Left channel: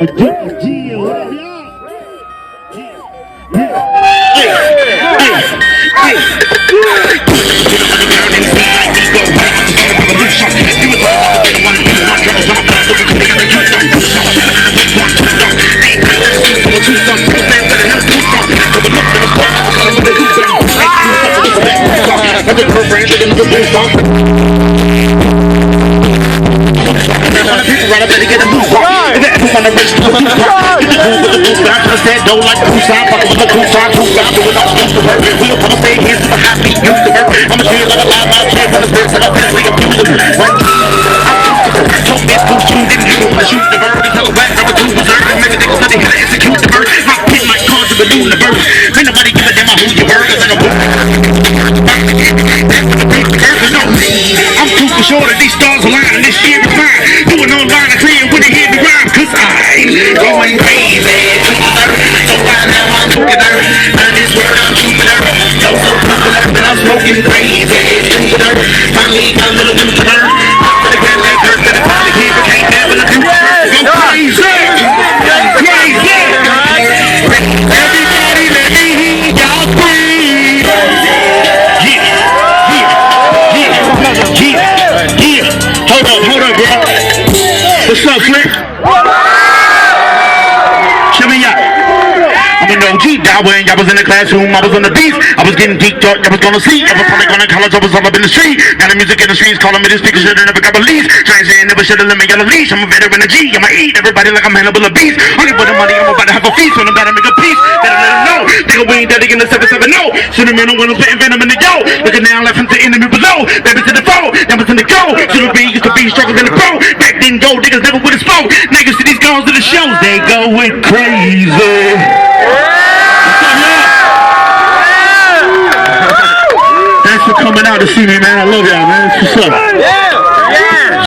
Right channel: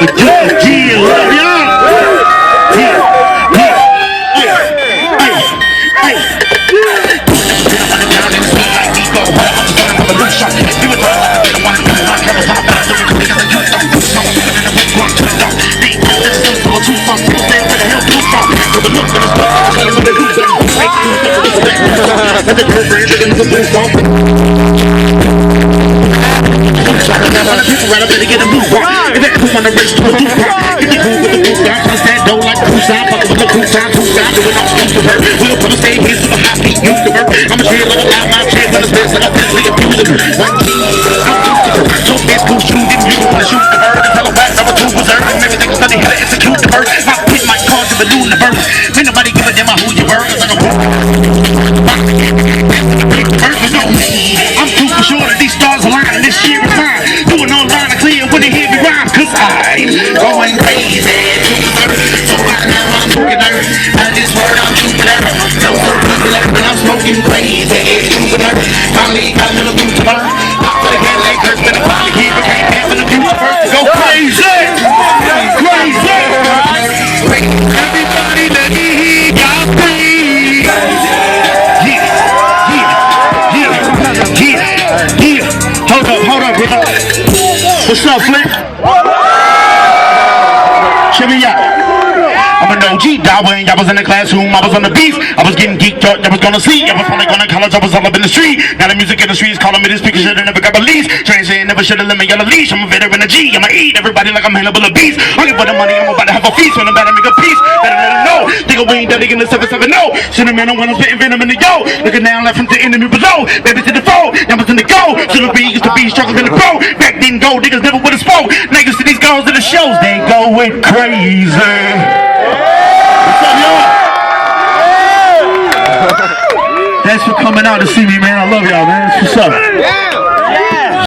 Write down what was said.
Yeah, love y'all. Right up and get a move on. If you ever wanna race to a new car, get the groove with the roof down, cause that dough like the sign, fucking with the two sign, do it out, used to work. We'll come and stay here to the happy, used to work. I'ma feel like a loud mouth, kids on the stairs, and I'm we can do them. So let's go shoot it, you wanna shoot the bird, and tell a whack, I'm a true berserk, and maybe they can study how to execute the bird. I pick my cards to balloon the bird. Ain't nobody give a damn who you were, cause I'm a boom. I'm too for sure that these stars align, and this shit is mine. Doing online, I clear when they hear me rhyme, cause I'm going crazy. So right now I'm smoking earth. Out of this world I'm keeping earth. No so popular and I'm smoking crazy. Finally got a little bit to learn. But again, they hurt that I finally hear it. Can't never do it. Go crazy. Crazy. Everybody let me hear y'all breathe. Yeah. Hold up, bro. What's up, Flint? Check me out. I'm an OG, dog, when y'all was in the classroom, I was on the beef. I was getting geeked up, y'all was gonna sleep. I was probably going to college, I was all up in the street. Now the music industry is calling me this speaker, should've never got released. Trying to say I never should've let me on a leash. I'm a veteran of G, I'ma eat everybody like I'm Hannibal of beast. Only for the money, I'm about to have a feast. When I'm about to make a piece, better let them know. Nigga, we ain't dedicating the 770. Should've man, I'm gonna spit venom in the yo. Looking down, left from the enemy below. Baby to the foe, never to the go. Should've been used to be struggles in the pro. Back then go, niggas never would've spoke. Niggas to these girls to the shows, they going crazy. What's up, y'all? Thanks for coming out to see me, man. I love y'all, man. What's up?